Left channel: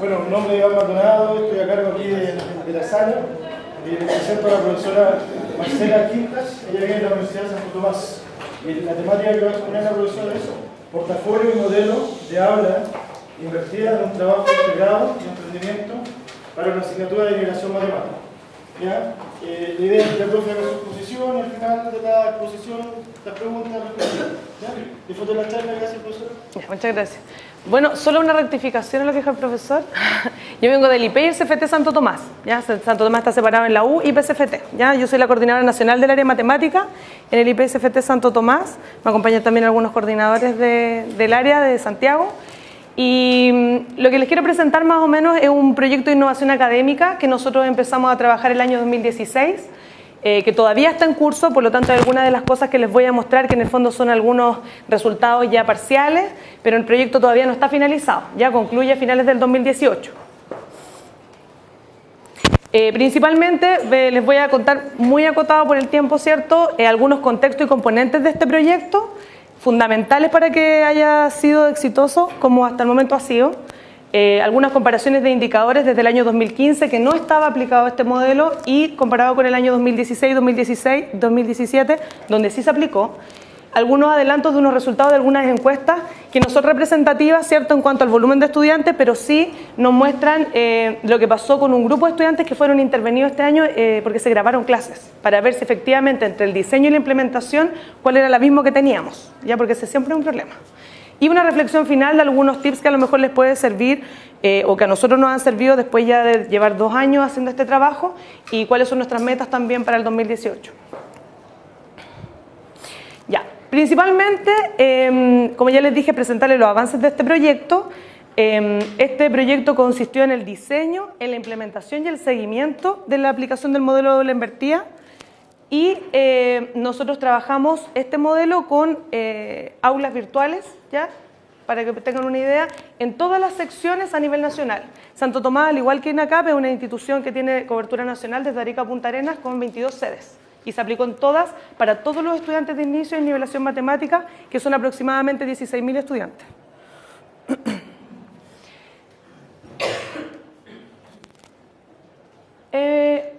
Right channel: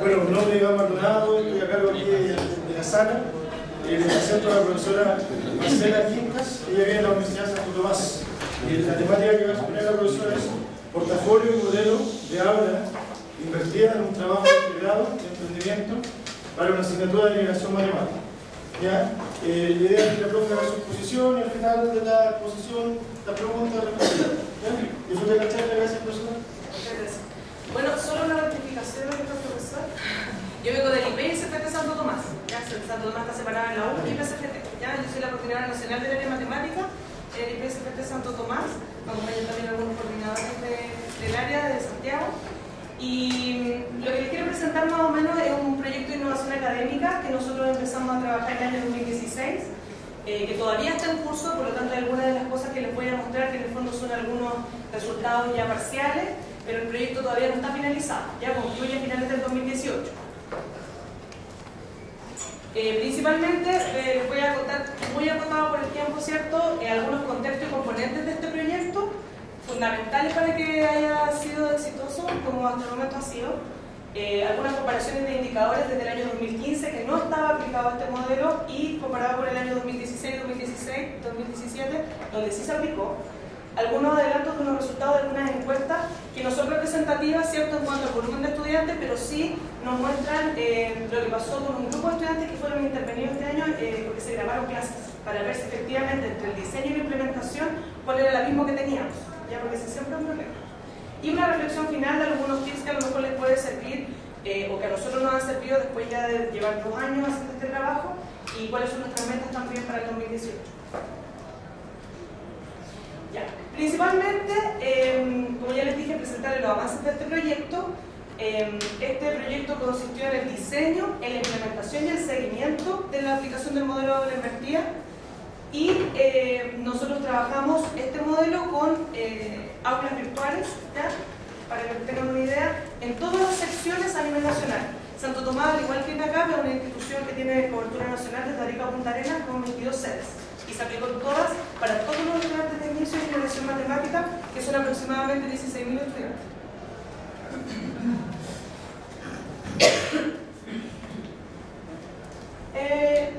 Bueno, mi nombre es Iván Maldonado, estoy a cargo aquí de la sala. Le presento a la profesora Marcela Quintas, ella viene de la Universidad de Santo Tomás. La temática que va a exponer la profesora es portafolio y modelo de aula invertida en un trabajo integrado y emprendimiento para una asignatura de nivelación matemática. ¿Ya? La idea es que la profe haga su exposición y al final de la exposición, la pregunta, la reflexión. Disfruten la charla, gracias profesora. Muchas gracias. Bueno, solo una rectificación en lo que dijo el profesor. Yo vengo del IP y el CFT Santo Tomás. ¿Ya? Santo Tomás está separado en la U y PCFT. ¿Ya? Yo soy la coordinadora nacional del área de matemática en el IP y CFT Santo Tomás. Me acompañan también algunos coordinadores del área de Santiago. Y lo que les quiero presentar más o menos es un proyecto de innovación académica que nosotros empezamos a trabajar el año 2016, que todavía está en curso, por lo tanto hay algunas de las cosas que les voy a mostrar que en el fondo son algunos resultados ya parciales, pero el proyecto todavía no está finalizado, ya concluye a finales del 2018. Principalmente les voy a contar muy acotado por el tiempo, ¿cierto? Algunos contextos y componentes de este proyecto, fundamentales para que haya sido exitoso, como hasta el momento ha sido. Algunas comparaciones de indicadores desde el año 2015 que no estaba aplicado este modelo y comparado con el año 2016, 2017, donde sí se aplicó. Algunos adelantos de unos resultados de algunas encuestas que no son representativas, ¿cierto?, en cuanto al volumen de estudiantes, pero sí nos muestran lo que pasó con un grupo de estudiantes que fueron intervenidos este año porque se grabaron clases, para ver si efectivamente entre el diseño y la implementación cuál era el abismo que teníamos, ya, porque ese siempre es un problema. Y una reflexión final de algunos tips que a lo mejor les puede servir o que a nosotros nos han servido después ya de llevar 2 años haciendo este trabajo y cuáles son nuestras metas también para el 2018. Ya, principalmente, como ya les dije, presentarles los avances de este proyecto. Este proyecto consistió en el diseño, en la implementación y el seguimiento de la aplicación del modelo de aula invertida. Y nosotros trabajamos este modelo con aulas virtuales, ¿ya? Para que tengan una idea, en todas las secciones a nivel nacional. Santo Tomás, al igual que INACAP, es una institución que tiene cobertura nacional desde Arica a Punta Arenas con 22 sedes. Y se aplicó en todas, para todos los estudiantes de inicio y nivelación matemática, que son aproximadamente 16.000 estudiantes.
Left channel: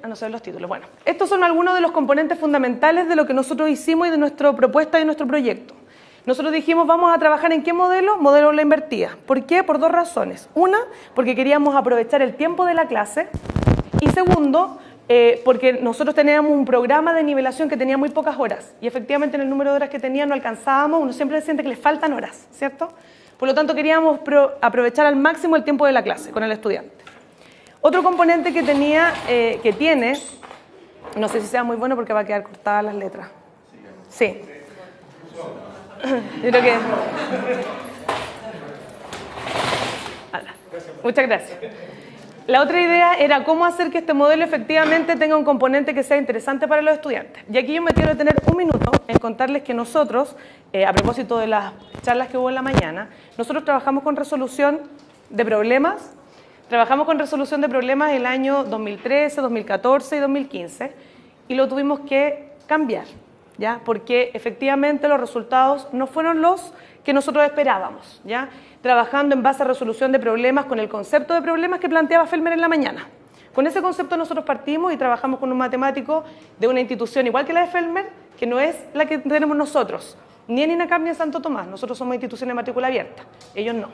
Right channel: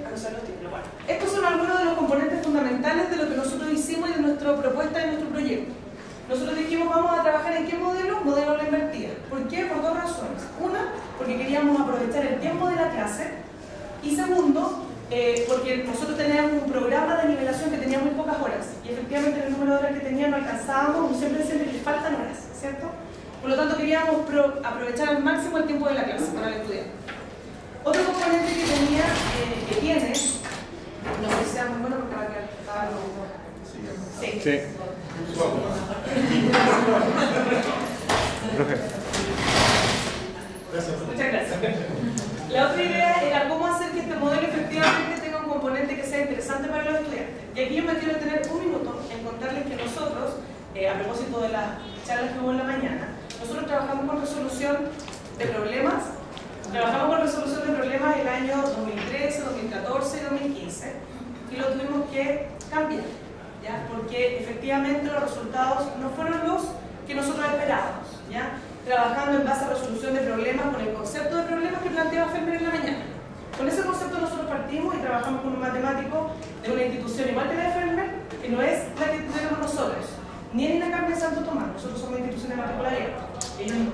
No sé los títulos. Bueno, estos son algunos de los componentes fundamentales de lo que nosotros hicimos y de nuestra propuesta y de nuestro proyecto. Nosotros dijimos, vamos a trabajar en qué modelo, modelo aula invertida. ¿Por qué? Por 2 razones. Una, porque queríamos aprovechar el tiempo de la clase. Y segundo, porque nosotros teníamos un programa de nivelación que tenía muy pocas horas. Y efectivamente en el número de horas que tenía no alcanzábamos, uno siempre siente que les faltan horas, ¿cierto? Por lo tanto queríamos aprovechar al máximo el tiempo de la clase con el estudiante. Otro componente que tiene, no sé si sea muy bueno porque va a quedar cortadas las letras. Sí. Sí. Yo creo que... Muchas gracias. La otra idea era cómo hacer que este modelo efectivamente tenga un componente que sea interesante para los estudiantes. Y aquí yo me quiero detener un minuto en contarles que nosotros, a propósito de las charlas que hubo en la mañana, nosotros trabajamos con resolución de problemas. Trabajamos con resolución de problemas el año 2013, 2014 y 2015 y lo tuvimos que cambiar, ¿ya? Porque efectivamente los resultados no fueron los que nosotros esperábamos, ¿ya? Trabajando en base a resolución de problemas con el concepto de problemas que planteaba Felmer en la mañana. Con ese concepto nosotros partimos y trabajamos con un matemático de una institución igual que la de Felmer, que no es la que tenemos nosotros, ni en INACAP ni en Santo Tomás. Nosotros somos instituciones de matrícula abierta, ellos no.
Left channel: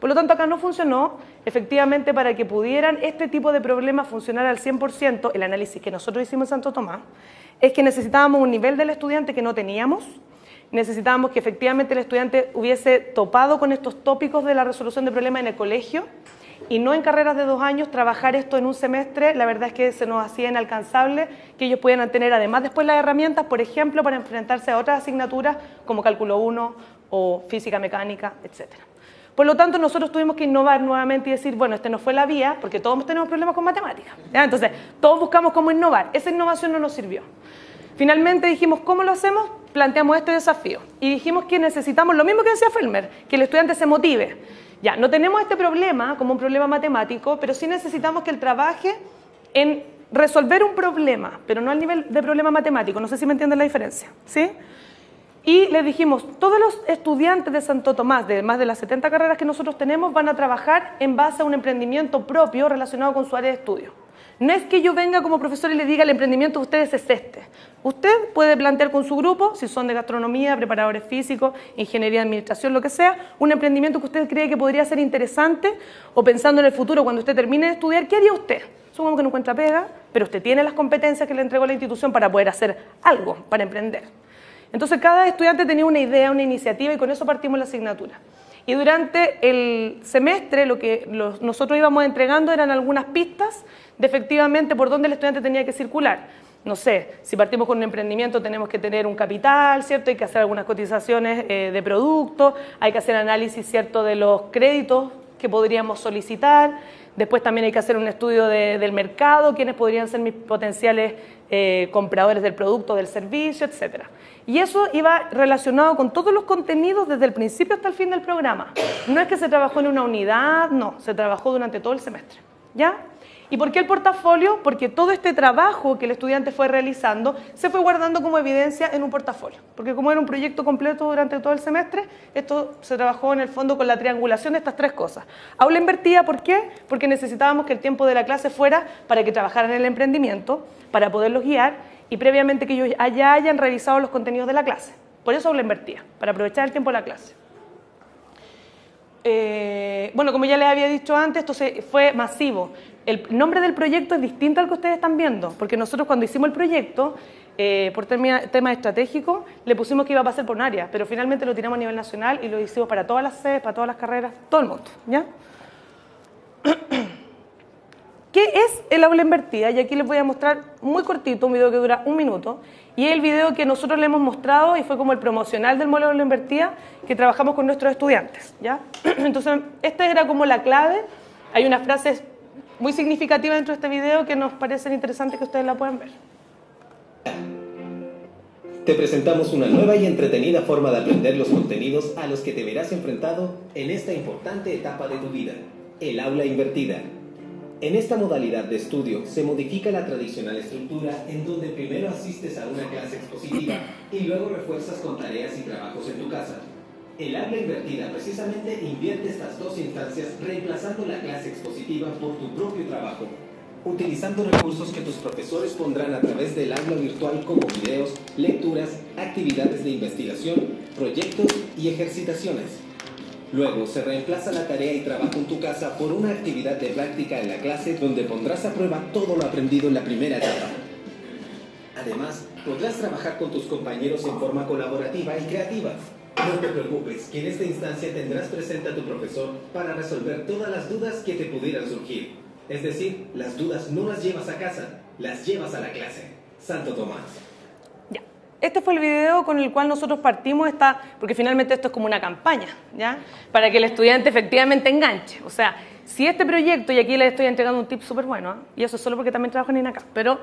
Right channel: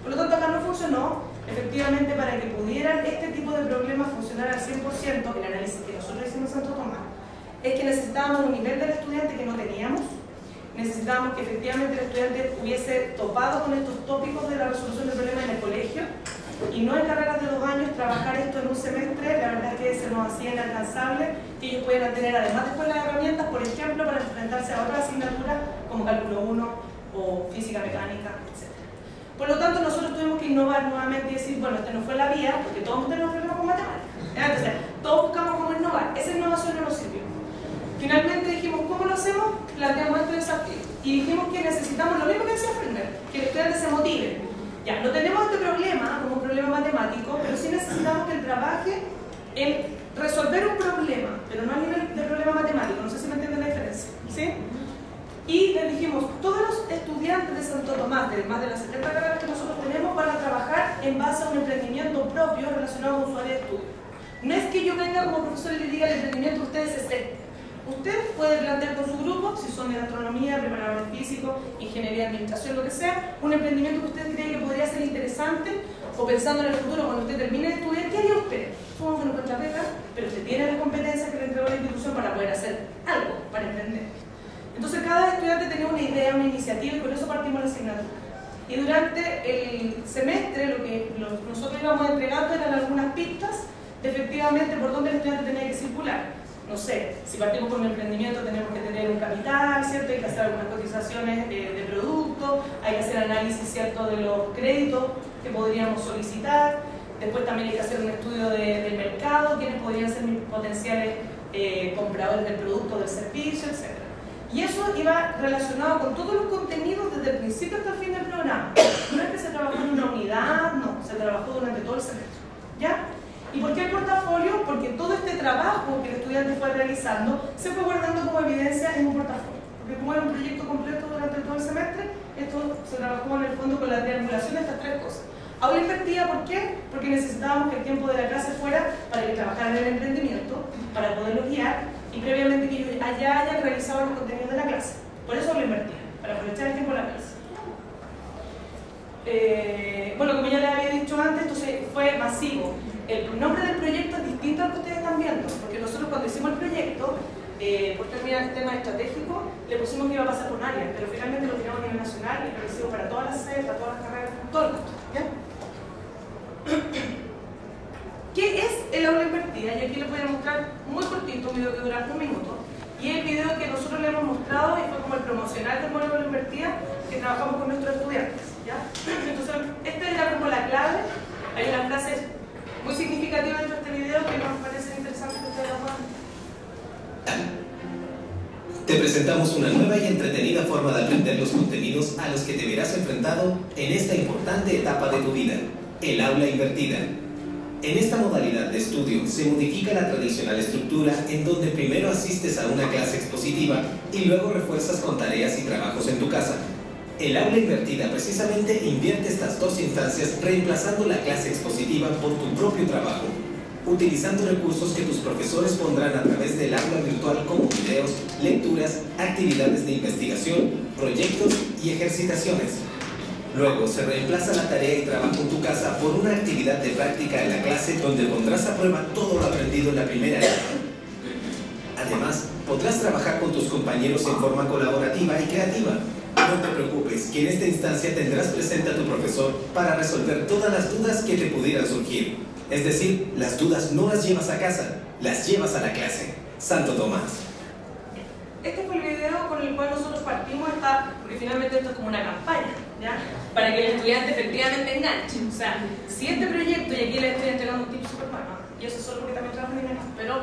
Por lo tanto, acá no funcionó. Efectivamente, para que pudieran este tipo de problemas funcionar al 100%, el análisis que nosotros hicimos en Santo Tomás, es que necesitábamos un nivel del estudiante que no teníamos, necesitábamos que efectivamente el estudiante hubiese topado con estos tópicos de la resolución de problemas en el colegio y no en carreras de 2 años, trabajar esto en un semestre. La verdad es que se nos hacía inalcanzable que ellos pudieran tener además después las herramientas, por ejemplo, para enfrentarse a otras asignaturas como cálculo 1 o física mecánica, etc. Por lo tanto, nosotros tuvimos que innovar nuevamente y decir, bueno, este no fue la vía, porque todos tenemos problemas con matemáticas, ¿ya? Entonces, todos buscamos cómo innovar. Esa innovación no nos sirvió. Finalmente dijimos, ¿cómo lo hacemos? Planteamos este desafío. Y dijimos que necesitamos lo mismo que decía Felmer, que el estudiante se motive. Ya, no tenemos este problema como un problema matemático, pero sí necesitamos que él trabaje en resolver un problema, pero no al nivel de problema matemático. No sé si me entienden la diferencia, ¿sí? Y les dijimos, todos los estudiantes de Santo Tomás, de más de las 70 carreras que nosotros tenemos, van a trabajar en base a un emprendimiento propio relacionado con su área de estudio. No es que yo venga como profesor y le diga el emprendimiento de ustedes es este. Usted puede plantear con su grupo, si son de gastronomía, preparadores físicos, ingeniería de administración, lo que sea, un emprendimiento que usted cree que podría ser interesante, o pensando en el futuro, cuando usted termine de estudiar, ¿qué haría usted? Supongamos que no encuentra pega, pero usted tiene las competencias que le entregó la institución para poder hacer algo, para emprender. Entonces cada estudiante tenía una idea, una iniciativa, y con eso partimos la asignatura. Y durante el semestre lo que nosotros íbamos entregando eran algunas pistas de efectivamente por dónde el estudiante tenía que circular. No sé, si partimos con un emprendimiento tenemos que tener un capital, ¿cierto? Hay que hacer algunas cotizaciones de productos, hay que hacer análisis, ¿cierto?, de los créditos que podríamos solicitar. Después también hay que hacer un estudio del mercado, quiénes podrían ser mis potenciales compradores del producto, del servicio, etc. Y eso iba relacionado con todos los contenidos desde el principio hasta el fin del programa. No es que se trabajó en una unidad, no, se trabajó durante todo el semestre, ¿ya? ¿Y por qué el portafolio? Porque todo este trabajo que el estudiante fue realizando se fue guardando como evidencia en un portafolio. Porque como era un proyecto completo durante todo el semestre, esto se trabajó en el fondo con la triangulación de estas tres cosas. Aula invertida, ¿por qué? Porque necesitábamos que el tiempo de la clase fuera para que trabajaran en el emprendimiento, para poderlos guiar y previamente que ellos ya hayan revisado los contenidos de la clase. Por eso aula invertida, para aprovechar el tiempo de la clase. Bueno, como ya les había dicho antes, esto fue masivo. El nombre del proyecto es distinto al que ustedes están viendo, porque nosotros cuando hicimos el proyecto, por temas estratégicos, le pusimos que iba a pasar por un área, pero finalmente lo tiramos a nivel nacional y lo hicimos para todas las sedes, para todas las carreras, todo el mundo, ¿ya? ¿Qué es el aula invertida? Y aquí les voy a mostrar muy cortito, un video que dura 1 minuto, y es el video que nosotros le hemos mostrado y fue como el promocional del modelo de aula invertida que trabajamos con nuestros estudiantes, ¿ya? Entonces, esta era como la clave. Hay unas frases muy significativa dentro de este video que nos parecen interesantes que ustedes la puedan ver. Te presentamos una nueva y entretenida forma de aprender los contenidos a los que te verás enfrentado en esta importante etapa de tu vida, el aula invertida. En esta modalidad de estudio se modifica la tradicional estructura en donde primero asistes a una clase expositiva y luego refuerzas con tareas y trabajos en tu casa. El aula invertida precisamente invierte estas dos instancias reemplazando la clase expositiva por tu propio trabajo, utilizando recursos que tus profesores pondrán a través del aula virtual como videos, lecturas, actividades de investigación, proyectos y ejercitaciones. Luego se reemplaza la tarea y trabajo en tu casa por una actividad de práctica en la clase donde pondrás a prueba todo lo aprendido en la primera etapa. Además, podrás trabajar con tus compañeros en forma colaborativa y creativa. No te preocupes, que en esta instancia tendrás presente a tu profesor para resolver todas las dudas que te pudieran surgir. Es decir, las dudas no las llevas a casa, las llevas a la clase. Santo Tomás. Ya. Este fue el video con el cual nosotros partimos, porque finalmente esto es como una campaña, ¿ya? Para que el estudiante efectivamente enganche. O sea, si este proyecto, y aquí les estoy entregando un tip súper bueno, y eso es solo porque también trabajo en INACAP, pero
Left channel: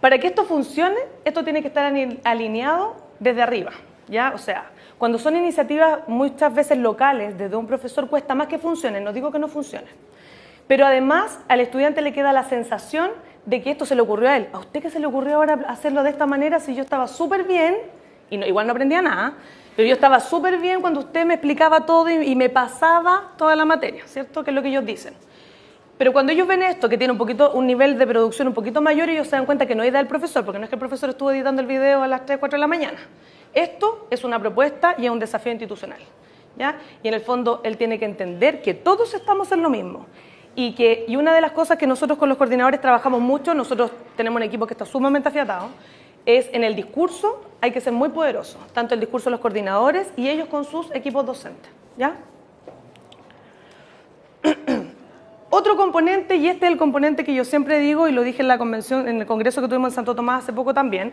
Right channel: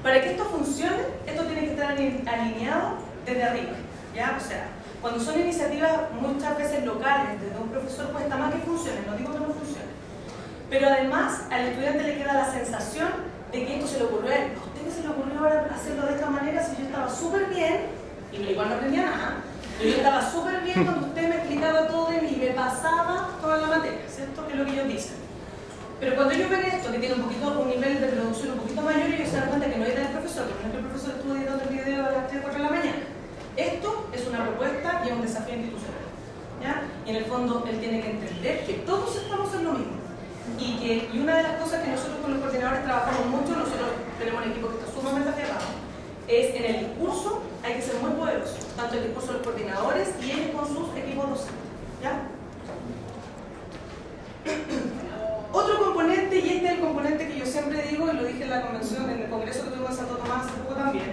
para que esto funcione, esto tiene que estar alineado desde arriba, ¿ya? O sea, cuando son iniciativas muchas veces locales, desde un profesor cuesta más que funcionen, no digo que no funcionen. Pero además al estudiante le queda la sensación de que esto se le ocurrió a él. ¿A usted qué se le ocurrió ahora hacerlo de esta manera si yo estaba súper bien, y igual no aprendía nada, pero yo estaba súper bien cuando usted me explicaba todo y me pasaba toda la materia, ¿cierto? Que es lo que ellos dicen. Pero cuando ellos ven esto, que tiene un nivel de producción un poquito mayor, ellos se dan cuenta que no es idea del profesor, porque no es que el profesor estuvo editando el video a las 3, 4 de la mañana. Esto es una propuesta y es un desafío institucional, ¿ya? Y en el fondo él tiene que entender que todos estamos en lo mismo. Y una de las cosas que nosotros con los coordinadores trabajamos mucho, nosotros tenemos un equipo que está sumamente afiatado, es en el discurso hay que ser muy poderoso, tanto el discurso de los coordinadores y ellos con sus equipos docentes, ¿ya? Otro componente, y este es el componente que yo siempre digo y lo dije en la convención, en el congreso que tuvimos en Santo Tomás hace poco también,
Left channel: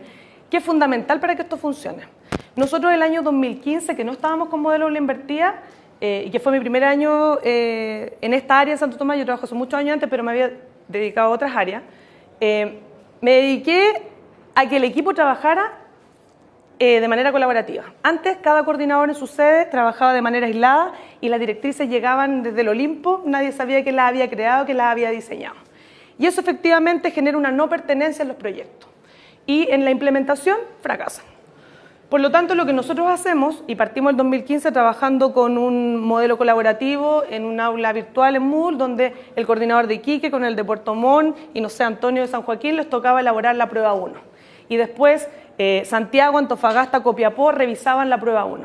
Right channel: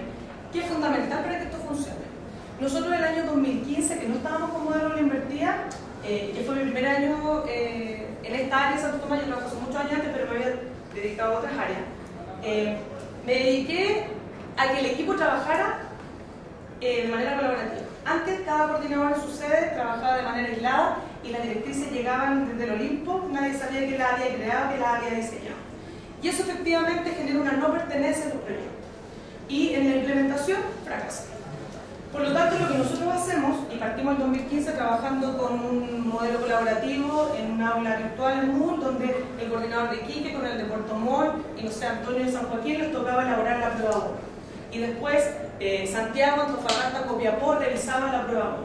que es fundamental para que esto funcione. Nosotros el año 2015, que no estábamos con modelo aula invertida, que fue mi primer año en esta área de Santo Tomás, yo trabajo hace muchos años antes, pero me había dedicado a otras áreas, me dediqué a que el equipo trabajara de manera colaborativa. Antes, cada coordinador en su sede trabajaba de manera aislada y las directrices llegaban desde el Olimpo, nadie sabía quién las había creado, quién las había diseñado. Y eso efectivamente genera una no pertenencia en los proyectos. Y en la implementación, fracasan. Por lo tanto, lo que nosotros hacemos, y partimos el 2015 trabajando con un modelo colaborativo en un aula virtual en Moodle, donde el coordinador de Iquique con el de Puerto Montt y no sé, Antonio de San Joaquín les tocaba elaborar la prueba 1. Y después Santiago, Antofagasta, Copiapó revisaban la prueba 1.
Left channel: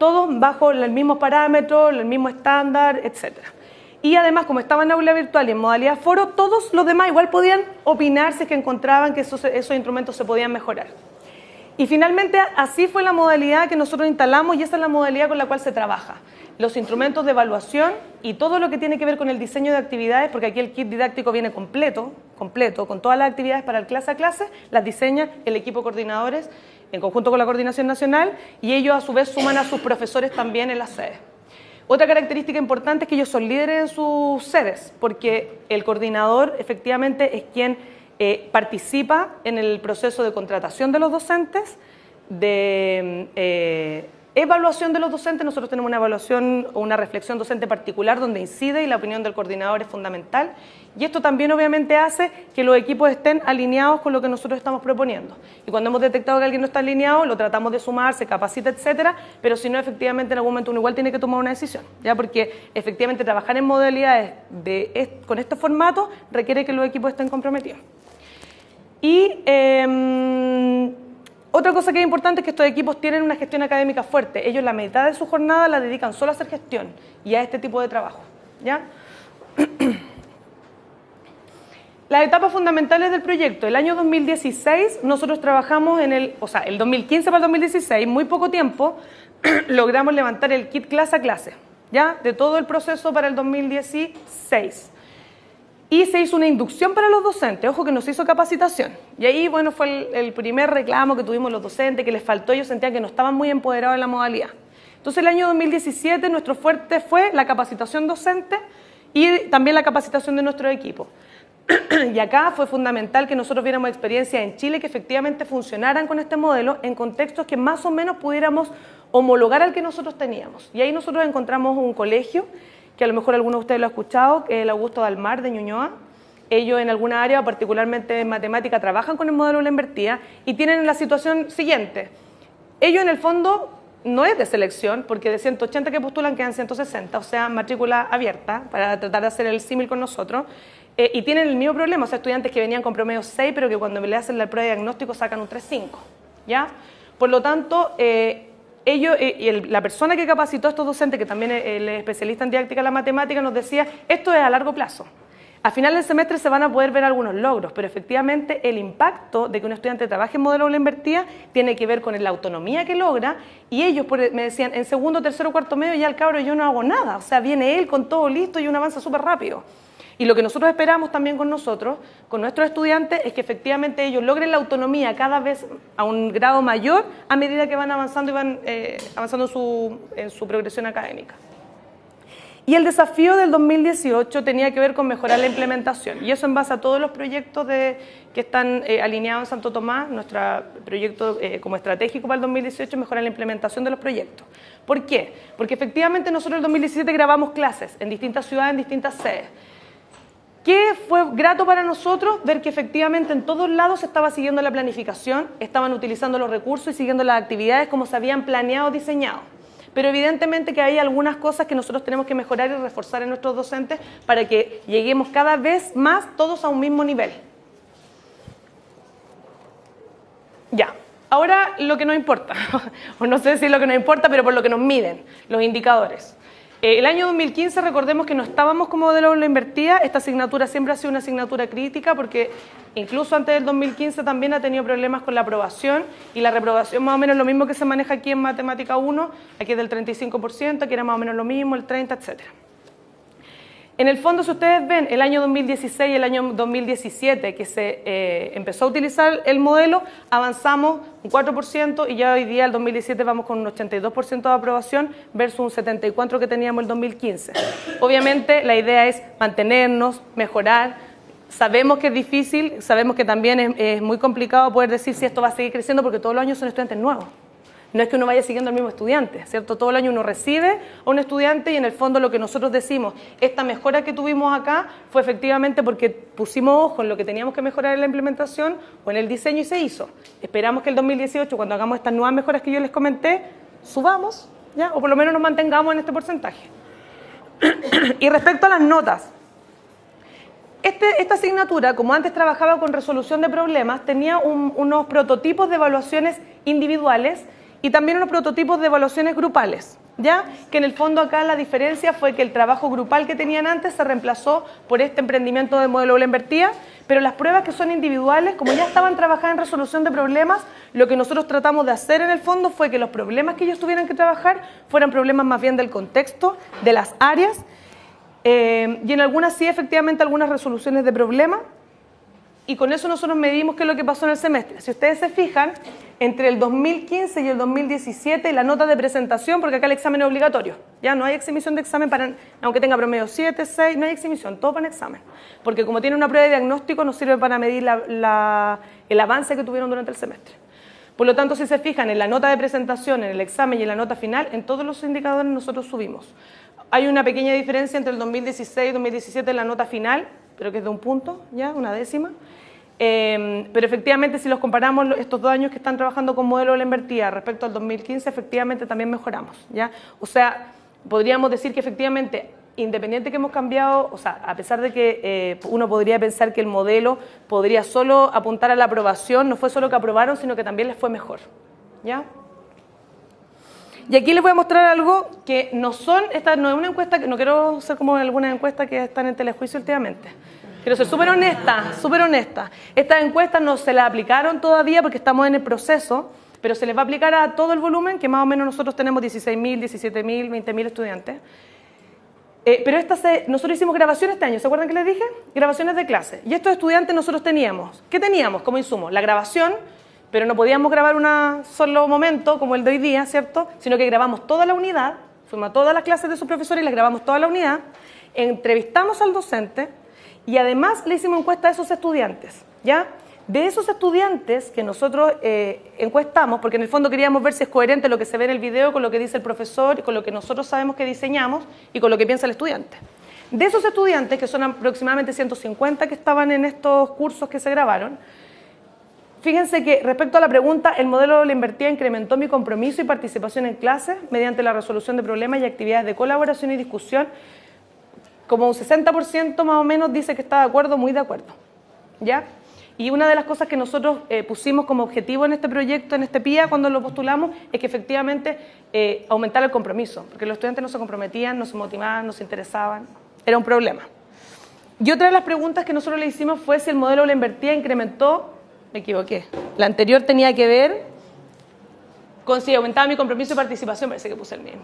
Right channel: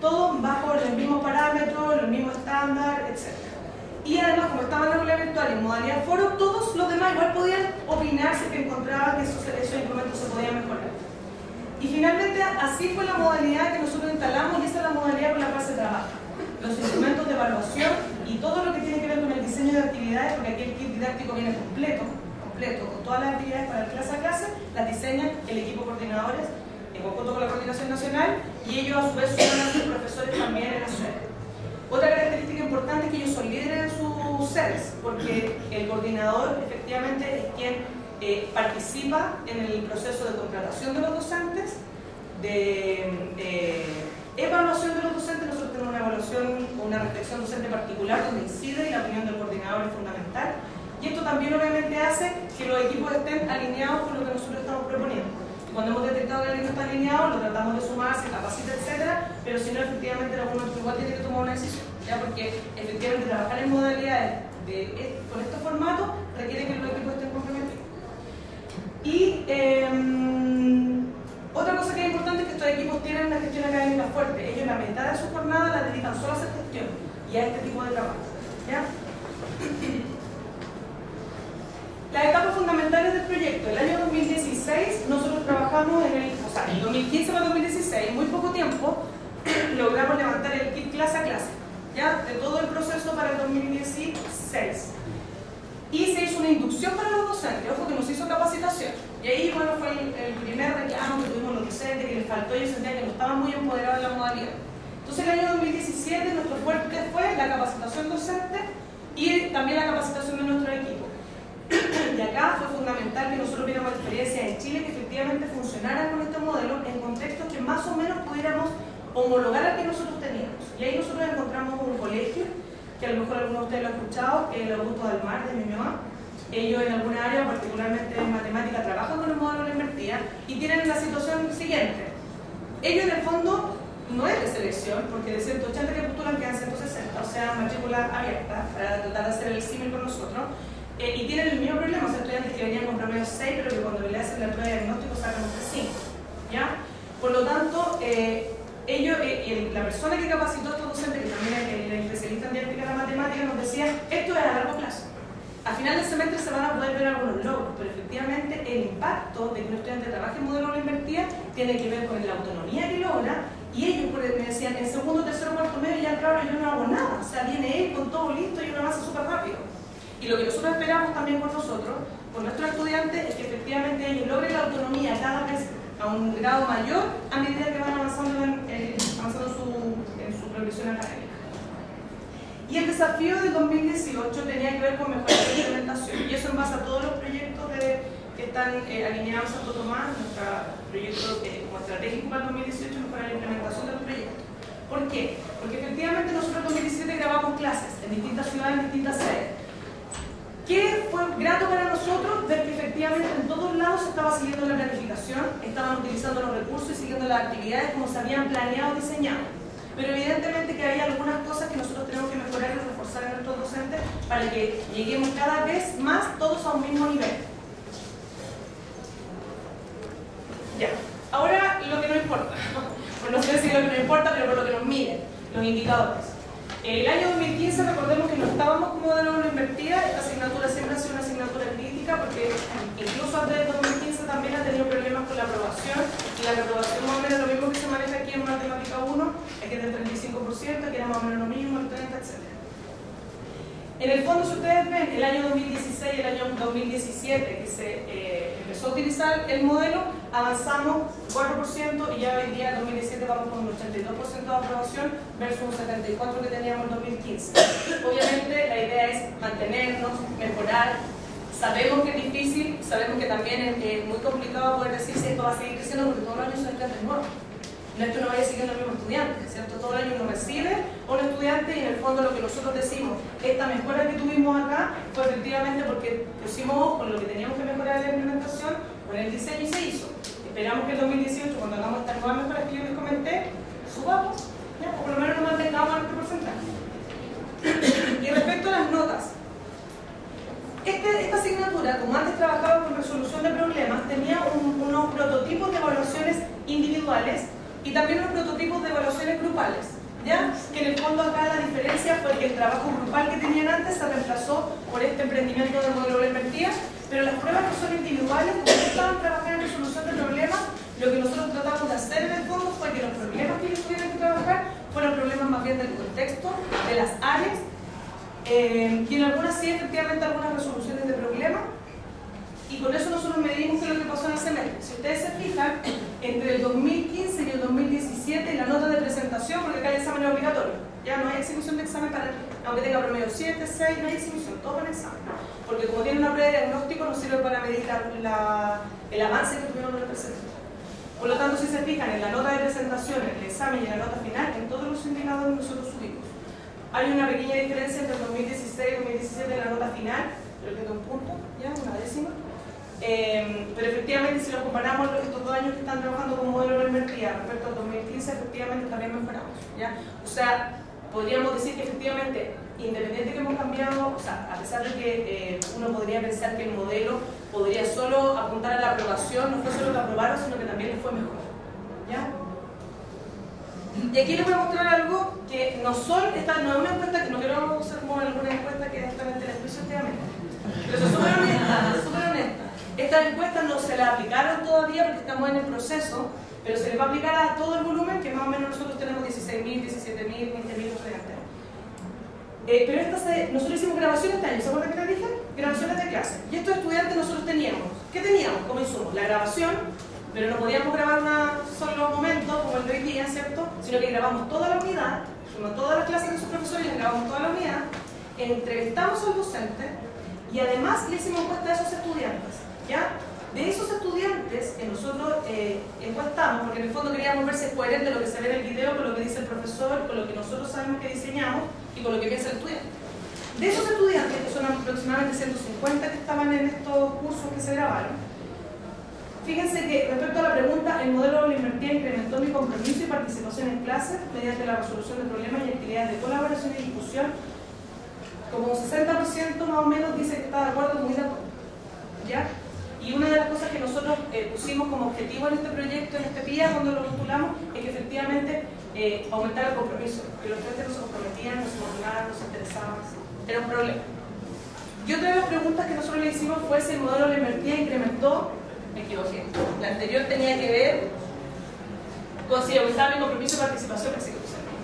Todos bajo los mismos parámetros, el mismo estándar, etc. Y además, como estaba en aula virtual y en modalidad foro, todos los demás igual podían opinar si es que encontraban que esos instrumentos se podían mejorar. Y finalmente así fue la modalidad que nosotros instalamos y esa es la modalidad con la cual se trabaja. Los instrumentos de evaluación y todo lo que tiene que ver con el diseño de actividades, porque aquí el kit didáctico viene completo, con todas las actividades para el clase a clase, las diseña el equipo de coordinadores en conjunto con la Coordinación Nacional y ellos a su vez suman a sus profesores también en las sedes. Otra característica importante es que ellos son líderes en sus sedes, porque el coordinador efectivamente es quien participa en el proceso de contratación de los docentes, de evaluación de los docentes. Nosotros tenemos una evaluación o una reflexión docente particular donde incide y la opinión del coordinador es fundamental. Y esto también obviamente hace que los equipos estén alineados con lo que nosotros estamos proponiendo. Y cuando hemos detectado que alguien no está alineado, lo tratamos de sumar, se capacita, etcétera, pero si no, efectivamente en algún momento uno igual tiene que tomar una decisión, ¿ya? Porque efectivamente trabajar en modalidades con este formato requiere que los equipos estén comprometidos. Y otra cosa que es importante es que estos equipos tienen una gestión académica fuerte. Ellos la mitad de su jornada la dedican solo a hacer gestión y a este tipo de trabajo, ¿ya? Las etapas fundamentales del proyecto. El año 2016 nosotros trabajamos el 2015 para el 2016, muy poco tiempo, logramos levantar el kit clase a clase, ¿ya? De todo el proceso para el 2016. Y se hizo una inducción para los docentes, ojo que no se hizo capacitación. Y ahí, bueno, fue el primer reclamo que tuvimos los docentes, que les faltó, ellos sentían que no estaban muy empoderados en la modalidad. Entonces el año 2017 nuestro fuerte fue la capacitación docente y también la capacitación de nuestro equipo. Y acá fue fundamental que nosotros viéramos experiencias en Chile que efectivamente funcionaran con este modelo en contextos que más o menos pudiéramos homologar al que nosotros teníamos. Y ahí nosotros encontramos un colegio, que a lo mejor alguno de ustedes lo ha escuchado, que es el Augusto Dalmar de Ñuñoa. Ellos en alguna área, particularmente en matemática, trabajan con el modelo de la invertida y tienen la situación siguiente. Ellos en el fondo no es de selección, porque de 180 que postulan quedan 160, o sea, matrícula abierta, para tratar de hacer el símil con nosotros. Y tienen el mismo problema, o sea, estudiantes que venían con promedio 6, pero que cuando le hacen la prueba de diagnóstico sacan un 3.5, ¿ya? Por lo tanto, la persona que capacitó a estos docentes, que también es el especialista en didáctica de la matemática, nos decía, esto es a largo plazo. A final del semestre se van a poder ver algunos logros, pero efectivamente el impacto de que un estudiante trabaje en modelo de la invertida tiene que ver con la autonomía que logra, y ellos me decían, en segundo, tercero, cuarto medio ya el cabro yo no hago nada, o sea, viene él con todo listo y uno avanza súper rápido. Y lo que nosotros esperamos también con nosotros, con nuestros estudiantes, es que efectivamente ellos logren la autonomía cada vez a un grado mayor a medida que van avanzando y van avanzando en su progresión académica. Y el desafío del 2018 tenía que ver con mejorar la implementación, y eso en base a todos los proyectos que están alineados en Santo Tomás, nuestro proyecto como estratégico para el 2018, mejorar la implementación de los proyectos. ¿Por qué? Porque efectivamente nosotros en el 2017 grabamos clases en distintas ciudades, en distintas sedes. ¿Qué fue grato para nosotros? Ver que efectivamente en todos lados se estaba siguiendo la planificación, estaban utilizando los recursos y siguiendo las actividades como se habían planeado, diseñado. Pero evidentemente que hay algunas cosas que nosotros tenemos que mejorar y reforzar en nuestros docentes para que lleguemos cada vez más todos a un mismo nivel. Ya, ahora lo que nos importa, pues no sé si es lo que nos importa, pero por lo que nos miden, los indicadores. El año 2015, recordemos que no estábamos como modelo de la invertida. Esta asignatura siempre ha sido una asignatura crítica porque incluso antes del 2015 también ha tenido problemas con la aprobación, y la reprobación más o menos lo mismo que se maneja aquí en Matemática 1, aquí es del 35%, aquí era más o menos lo mismo, el 30%, etc. En el fondo, si ustedes ven, el año 2016 y el año 2017 que se empezó a utilizar el modelo, avanzamos un 4% y ya hoy día, el 2017, vamos con un 82% de aprobación versus un 74% que teníamos el 2015. Obviamente, la idea es mantenernos, mejorar. Sabemos que es difícil, sabemos que también es muy complicado poder decir si esto va a seguir creciendo porque todos los años son estudiantes nuevos. No es que uno vaya siguiendo al mismo estudiante, ¿cierto? Todo el año uno recibe a un estudiante y en el fondo lo que nosotros decimos, esta mejora que tuvimos acá fue efectivamente porque pusimos ojo en lo que teníamos que mejorar en la implementación o en el diseño y se hizo. Esperamos que el 2018, cuando hagamos estas nuevas mejoras que yo les comenté, subamos, ¿ya? O por lo menos nos mantengamos en este porcentaje. Y respecto a las notas, esta asignatura, como antes trabajaba con resolución de problemas, tenía unos prototipos de evaluaciones individuales y también unos prototipos de evaluaciones grupales, ¿ya? Que en el fondo acá la diferencia fue que el trabajo grupal que tenían antes se reemplazó por este emprendimiento de modelo aula invertida, pero las pruebas que son individuales, como ya estaban trabajando en resolución de problemas, lo que nosotros tratamos de hacer en el fondo fue que los problemas que ellos tuvieran que trabajar fueran problemas más bien del contexto, de las áreas, y en algunas sí, efectivamente, algunas resoluciones de problemas, y con eso nosotros medimos qué es lo que pasó en el semestre. Si ustedes se fijan, entre el 2015 y el 2017, la nota de presentación, porque acá el examen es obligatorio, ya no hay exhibición de examen, aunque tenga promedio 7, 6, no hay exhibición, todo para el examen, porque como tiene una prueba de diagnóstico, nos sirve para medir el avance que tuvieron durante el semestre. Por lo tanto, si se fijan en la nota de presentación, en el examen y en la nota final, en todos los indicadores nosotros subimos. Hay una pequeña diferencia entre el 2016 y 2017 en la nota final, pero que es de un punto, ya, una décima. Pero efectivamente, si los comparamos estos 2 años que están trabajando con modelo de la invertida respecto al 2015, efectivamente también mejoramos, ¿ya? O sea, podríamos decir que efectivamente, independiente que hemos cambiado, o sea, a pesar de que uno podría pensar que el modelo podría solo apuntar a la aprobación, no fue solo que aprobaron, sino que también les fue mejor, ¿ya? Y aquí les voy a mostrar algo que no son, esta no es una encuesta, que no quiero ser como algunas encuestas que están en telejuicio últimamente. Quiero ser súper honesta, súper honesta. Estas encuestas no se las aplicaron todavía porque estamos en el proceso, pero se les va a aplicar a todo el volumen, que más o menos nosotros tenemos 16.000, 17.000, 20.000 estudiantes. Pero nosotros hicimos grabaciones este año, ¿se acuerdan que les dije? Grabaciones de clase. Y estos estudiantes nosotros teníamos, ¿qué teníamos como insumo? La grabación, pero no podíamos grabar un solo momento como el de hoy día, ¿cierto? Sino que grabamos toda la unidad, fuimos a todas las clases de su profesor y les grabamos toda la unidad, entrevistamos al docente y además le hicimos encuesta a esos estudiantes, ¿ya? De esos estudiantes que nosotros encuestamos, porque en el fondo queríamos ver si es coherente lo que se ve en el video con lo que dice el profesor, con lo que nosotros sabemos que diseñamos y con lo que piensa el estudiante. De esos estudiantes, que son aproximadamente 150 que estaban en estos cursos que se grabaron, fíjense que respecto a la pregunta, el modelo de la invertida incrementó mi compromiso y participación en clase mediante la resolución de problemas y actividades de colaboración y discusión. Como un 60% más o menos dice que está de acuerdo, muy de acuerdo, ¿ya? Y una de las cosas que nosotros pusimos como objetivo en este proyecto, en este PIA, cuando lo postulamos, es que efectivamente aumentara el compromiso, porque los estudiantes no se comprometían, no se motivaban, no se interesaban, era un problema. Y otra de las preguntas que nosotros le hicimos fue si el modelo de la invertida incrementó, me equivoqué, la anterior tenía que ver con si aumentaba mi compromiso y participación, parece que puse el mismo.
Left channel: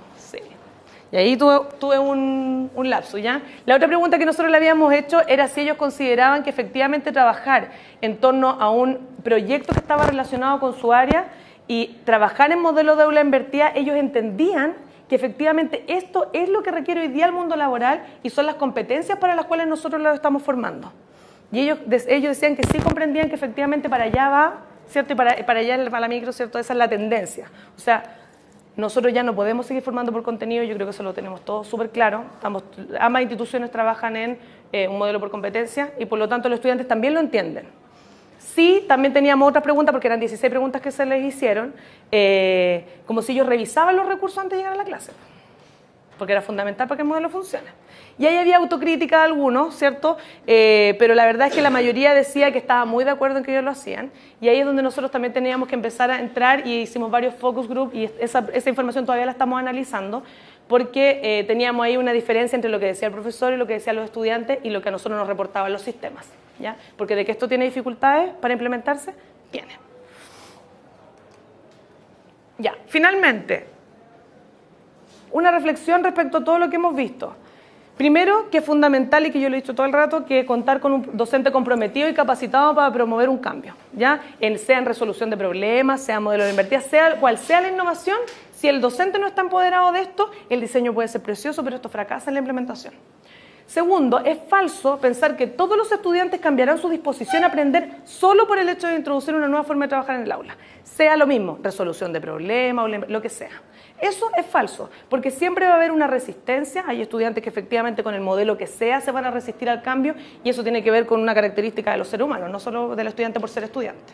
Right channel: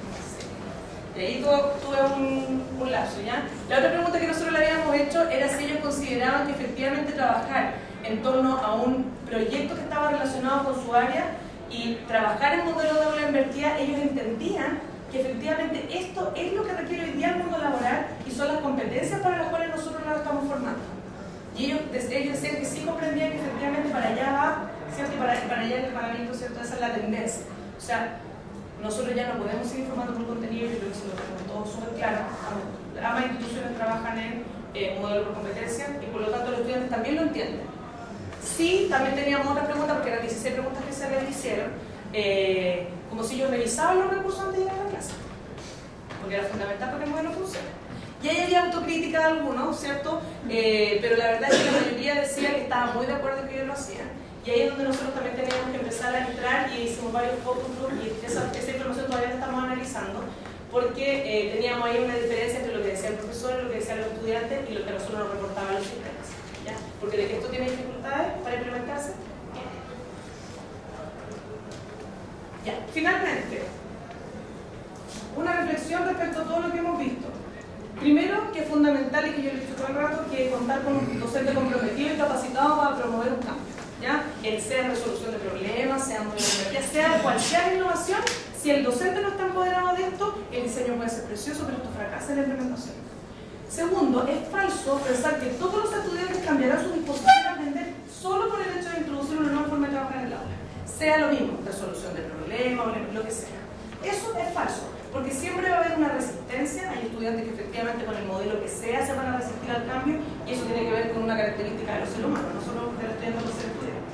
Y ahí tuve un lapso, ¿ya? La otra pregunta que nosotros le habíamos hecho era si ellos consideraban que efectivamente trabajar en torno a un proyecto que estaba relacionado con su área y trabajar en modelo de aula invertida, ellos entendían que efectivamente esto es lo que requiere hoy día el mundo laboral y son las competencias para las cuales nosotros lo estamos formando. Y ellos decían que sí comprendían que efectivamente para allá va, ¿cierto? Y para allá, para la micro, ¿cierto? Esa es la tendencia. O sea, nosotros ya no podemos seguir formando por contenido, yo creo que eso lo tenemos todo súper claro. Ambas instituciones trabajan en un modelo por competencia y por lo tanto los estudiantes también lo entienden. Sí, también teníamos otras preguntas, porque eran 16 preguntas que se les hicieron, como si ellos revisaban los recursos antes de llegar a la clase, porque era fundamental para que el modelo funcione. Y ahí había autocrítica de algunos, ¿cierto? Pero la verdad es que la mayoría decía que estaba muy de acuerdo en que ellos lo hacían. Y ahí es donde nosotros también teníamos que empezar a entrar y hicimos varios focus group y esa información todavía la estamos analizando porque teníamos ahí una diferencia entre lo que decía el profesor y lo que decían los estudiantes y lo que a nosotros nos reportaban los sistemas, ¿ya? Porque de que esto tiene dificultades para implementarse, tiene. Ya, finalmente, una reflexión respecto a todo lo que hemos visto. Primero, que es fundamental y que yo lo he dicho todo el rato, que es contar con un docente comprometido y capacitado para promover un cambio, ¿ya? Sea en resolución de problemas, sea modelo de invertida, sea cual sea la innovación, si el docente no está empoderado de esto, el diseño puede ser precioso, pero esto fracasa en la implementación. Segundo, es falso pensar que todos los estudiantes cambiarán su disposición a aprender solo por el hecho de introducir una nueva forma de trabajar en el aula. sea lo mismo, resolución de problemas o lo que sea. Eso es falso, porque siempre va a haber una resistencia. Hay estudiantes que efectivamente con el modelo que sea se van a resistir al cambio, y eso tiene que ver con una característica de los seres humanos, no solo del estudiante por ser estudiante.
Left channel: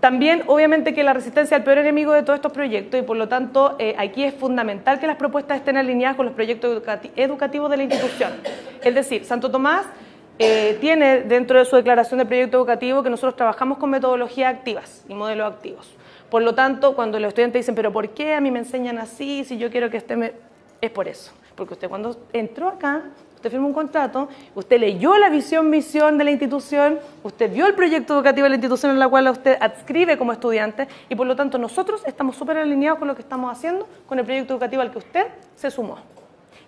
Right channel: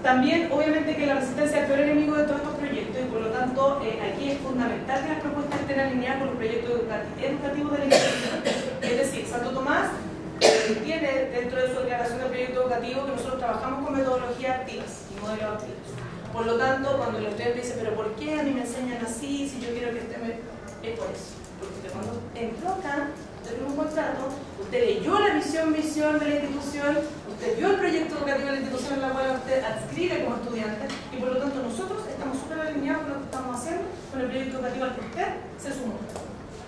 También, obviamente, que la resistencia es el peor enemigo de todos estos proyectos, y por lo tanto aquí es fundamental que las propuestas estén alineadas con los proyectos educativos de la institución. Es decir, Santo Tomás tiene dentro de su declaración de proyecto educativo que nosotros trabajamos con metodologías activas y modelos activos. Por lo tanto, cuando los estudiantes dicen, pero ¿por qué a mí me enseñan así si yo quiero que esté...? Es por eso. Porque usted cuando entró acá, usted firmó un contrato, usted leyó la misión de la institución, usted vio el proyecto educativo de la institución en la cual usted adscribe como estudiante, y por lo tanto nosotros estamos súper alineados con lo que estamos haciendo, con el proyecto educativo al que usted se sumó.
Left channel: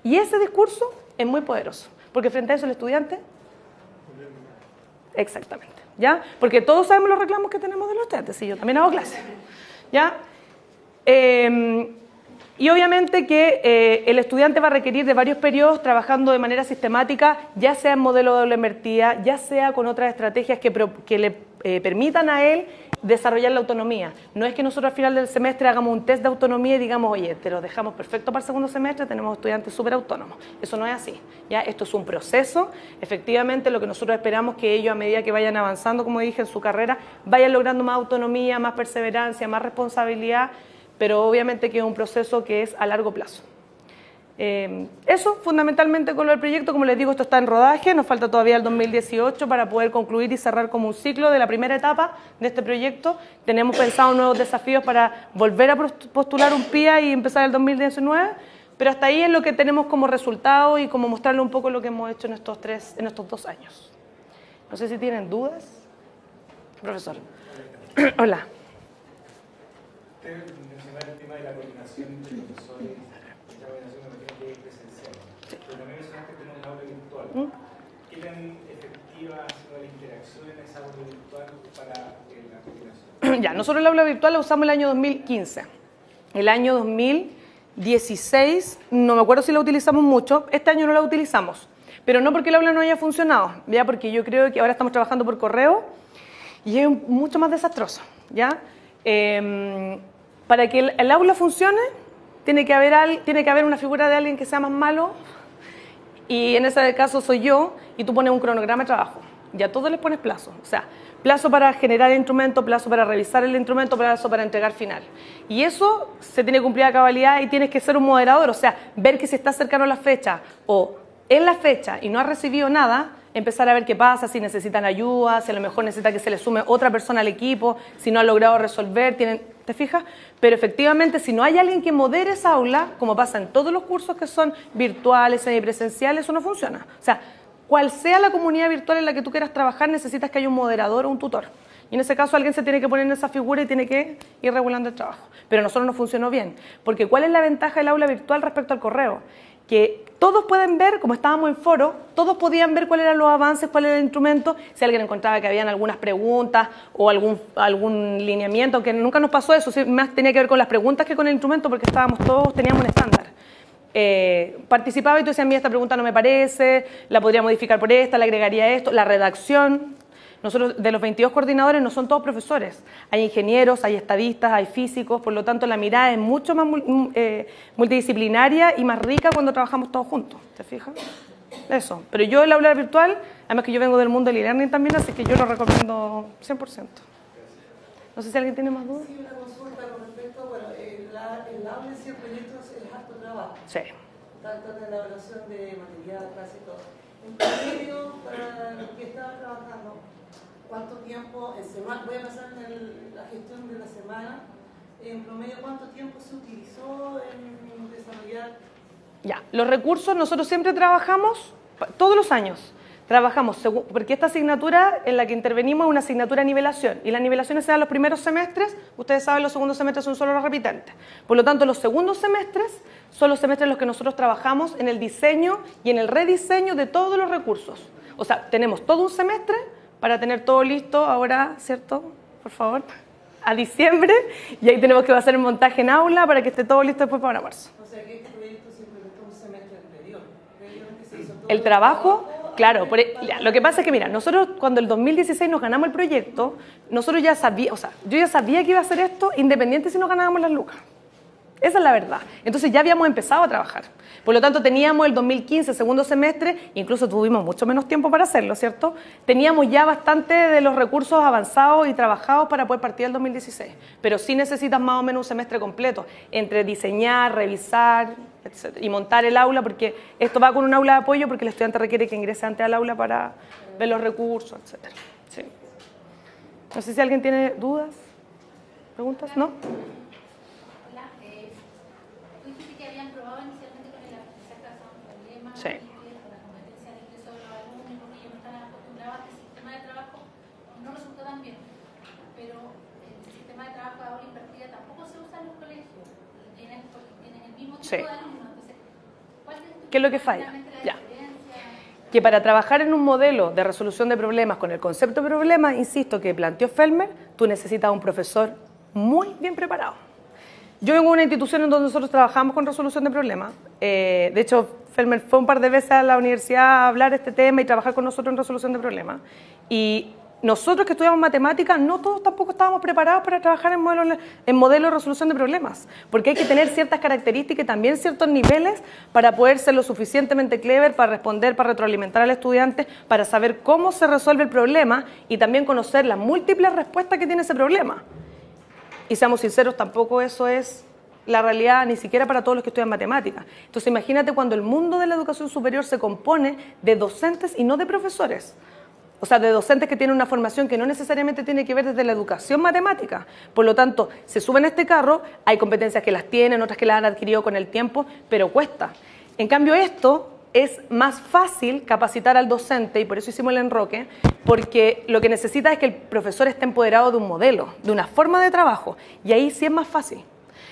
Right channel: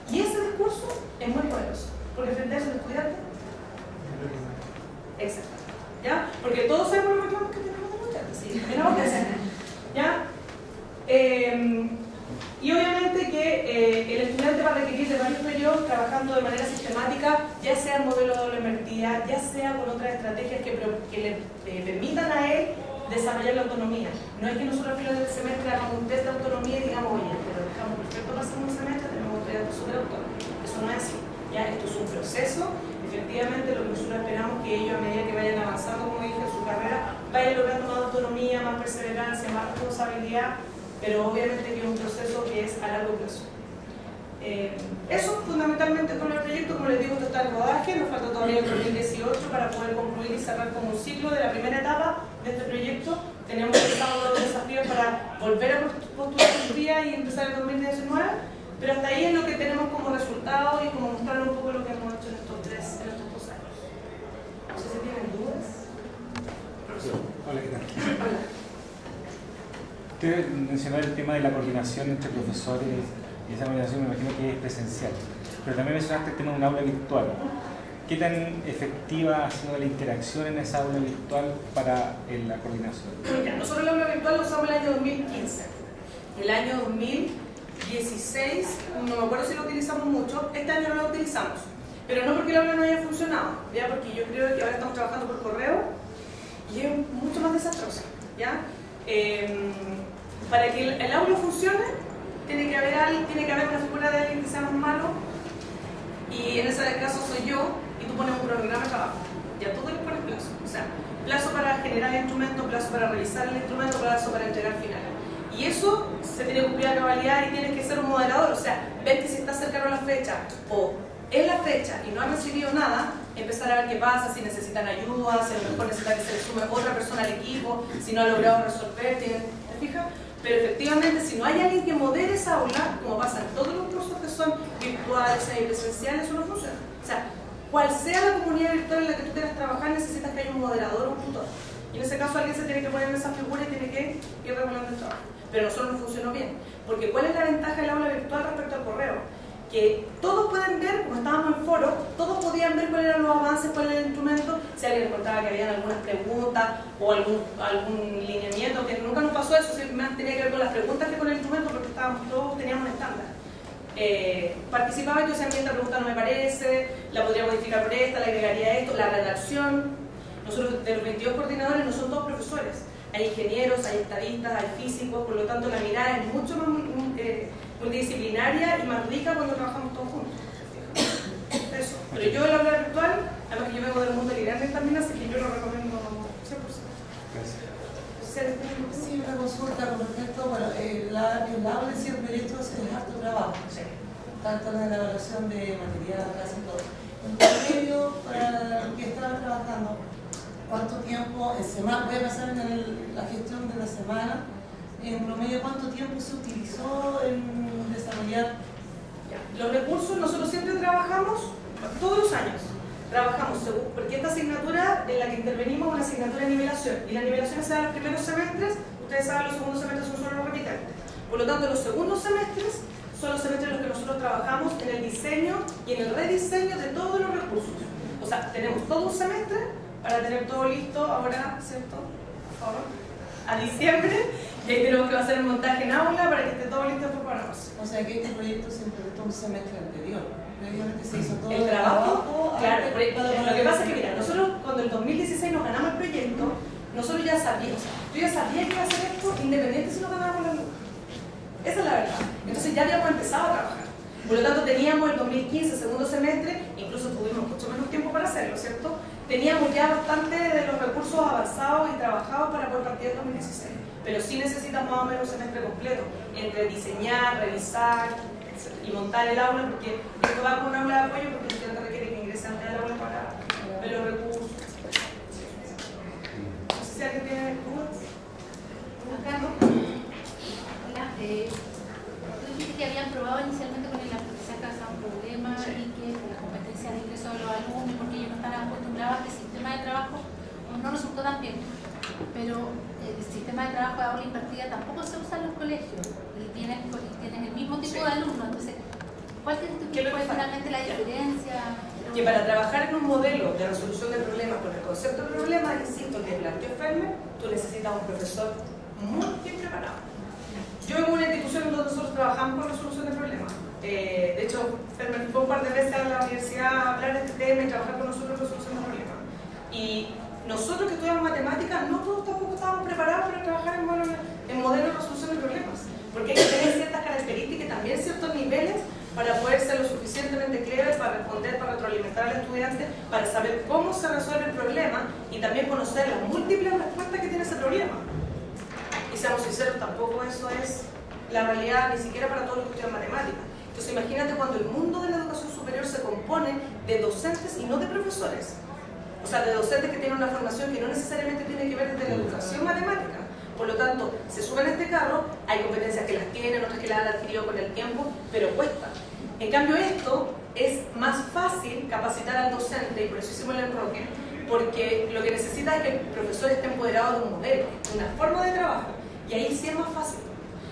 Y ese discurso es muy poderoso, porque frente a eso el estudiante... Exactamente. ¿Ya? Porque todos sabemos los reclamos que tenemos de los estudiantes, sí, yo también hago clases. ¿Ya? Y obviamente que el estudiante va a requerir de varios periodos trabajando de manera sistemática, ya sea en modelo de doble invertida, ya sea con otras estrategias que le permitan a él desarrollar la autonomía. No es que nosotros al final del semestre hagamos un test de autonomía y digamos, oye, te lo dejamos perfecto para el segundo semestre, tenemos estudiantes súper autónomos. Eso no es así. ¿Ya? Esto es un proceso. Efectivamente, lo que nosotros esperamos es que ellos, a medida que vayan avanzando, como dije, en su carrera, vayan logrando más autonomía, más perseverancia, más responsabilidad, pero obviamente que es un proceso que es a largo plazo. Eso fundamentalmente con el proyecto. Como les digo, esto está en rodaje, nos falta todavía el 2018 para poder concluir y cerrar como un ciclo de la primera etapa de este proyecto. Tenemos pensado nuevos desafíos para volver a postular un PIA y empezar el 2019, pero hasta ahí es lo que tenemos como resultado y como mostrarle un poco lo que hemos hecho en estos 2 años. No sé si tienen dudas. Profesor. Hola. Hola. Usted mencionó el tema de la coordinación entre profesores, y esa coordinación me imagino que es presencial, pero también mencionaste el tema de un aula virtual. ¿Qué tan efectiva ha sido la interacción en esa aula virtual para la coordinación? Ya, nosotros el aula virtual la usamos el año 2015. El año 2016, no me acuerdo si la utilizamos mucho, este año no la utilizamos, pero no porque el aula no haya funcionado, ya, porque yo creo que ahora estamos trabajando por correo y es mucho más desastroso, ¿ya? Para que el aula funcione tiene que haber una figura de alguien que sea más malo, y en ese caso soy yo, y tú pones un cronograma de trabajo, ya todos les pones plazo, o sea, plazo para generar el instrumento, plazo para revisar el instrumento, plazo para entregar final, y eso se tiene que cumplir a cabalidad, y tienes que ser un moderador, o sea, ver que si está cercano a la fecha o en la fecha y no ha recibido nada, empezar a ver qué pasa, si necesitan ayuda, si a lo mejor necesita que se le sume otra persona al equipo, si no ha logrado resolver, ¿te fijas? Pero efectivamente, si no hay alguien que modere esa aula, como pasa en todos los cursos que son virtuales, semipresenciales, eso no funciona. O sea, cual sea la comunidad virtual en la que tú quieras trabajar, necesitas que haya un moderador o un tutor. Y en ese caso alguien se tiene que poner en esa figura y tiene que ir regulando el trabajo. Pero a nosotros no funcionó bien. Porque ¿cuál es la ventaja del aula virtual respecto al correo? Que todos pueden ver, como estábamos en foro, todos podían ver cuáles eran los avances, cuál era el instrumento, si alguien encontraba que habían algunas preguntas o algún lineamiento, aunque nunca nos pasó eso, más tenía que ver con las preguntas que con el instrumento, porque teníamos un estándar. Participaba y tú decías, mira, esta pregunta no me parece, la podría modificar por esta, le agregaría esto, la redacción. Nosotros, de los 22 coordinadores, no son todos profesores. Hay ingenieros, hay estadistas, hay físicos, por lo tanto la mirada es mucho más multidisciplinaria y más rica cuando trabajamos todos juntos, ¿se fijan? Eso. Pero yo el aula virtual, además que yo vengo del mundo del e-learning también, así que yo lo recomiendo 100%. No sé si alguien tiene más dudas. Sí, una consulta con respecto, bueno, el aula en sí, el proyecto es harto trabajo. Sí. Tanto en la elaboración de material, clase y todo. En promedio, para los que estaban trabajando, ¿cuánto tiempo en semana? Voy a pasar en la gestión de la semana. En promedio, ¿cuánto tiempo se utilizó en desarrollar? Ya, los recursos nosotros siempre trabajamos, todos los años, trabajamos, porque esta asignatura en la que intervenimos es una asignatura de nivelación, y las nivelaciones se dan los primeros semestres, ustedes saben, los segundos semestres son solo los repitentes. Por lo tanto, los segundos semestres son los semestres en los que nosotros trabajamos en el diseño y en el rediseño de todos los recursos. O sea, tenemos todo un semestre para tener todo listo ahora, ¿cierto? Por favor, a diciembre, y ahí tenemos que hacer el montaje en aula para que esté todo listo después para marzo. O sea que este proyecto se implementó un semestre anterior. Previamente se hizo todo el trabajo Claro, lo que pasa es que, mira, nosotros cuando el 2016 nos ganamos el proyecto, nosotros ya sabíamos, o sea, yo ya sabía que iba a hacer esto independiente si nos ganábamos las lucas. Esa es la verdad. Entonces ya habíamos empezado a trabajar. Por lo tanto, teníamos el 2015, segundo semestre, incluso tuvimos mucho menos tiempo para hacerlo, ¿cierto? Teníamos ya bastante de los recursos avanzados y trabajados para poder partir el 2016. Pero sí necesitas más o menos un semestre completo, entre diseñar, revisar, etc. Y montar el aula, porque esto va con un aula de apoyo, porque el estudiante requiere que ingrese antes al aula para ver los recursos, etc. Sí. No sé si alguien tiene dudas, preguntas, ¿no? Tú dijiste que habían probado inicialmente con el aprendizaje basado en problemas y que las competencias de ingreso de los alumnos, porque ellos no estaban acostumbrados a que el sistema de trabajo no resultó tan bien. Pero el sistema de trabajo de aula invertida tampoco se usa en los colegios y tienen el mismo tipo de alumnos. Entonces, ¿cuál ¿qué es lo que falla? finalmente la diferencia? Que para trabajar en un modelo de resolución de problemas con el concepto de problema, insisto, que planteó Felmer, tú necesitas un profesor muy bien preparado. Yo vengo de una institución en donde nosotros trabajamos con resolución de problemas. De hecho, Felmer fue un par de veces a la universidad a hablar de este tema y trabajar con nosotros en resolución de problemas. Y nosotros que estudiamos matemáticas, no todos tampoco estábamos preparados para trabajar en modelos de resolución de problemas, porque hay que tener ciertas características y también ciertos niveles para poder ser lo suficientemente clever, para responder, para retroalimentar al estudiante, para saber cómo se resuelve el problema y también conocer las múltiples respuestas que tiene ese problema. Y seamos sinceros, tampoco eso es la realidad ni siquiera para todos los que estudian matemáticas. Entonces imagínate cuando el mundo de la educación superior se compone de docentes y no de profesores. O sea, de docentes que tienen una formación que no necesariamente tiene que ver desde la educación matemática. Por lo tanto, se suben a este carro, hay competencias que las tienen, otras que las han adquirido con el tiempo, pero cuesta. En cambio esto es más fácil capacitar al docente, y por eso hicimos el enroque, porque lo que necesita es que el profesor esté empoderado de un modelo, de una forma de trabajo, y ahí sí es más fácil.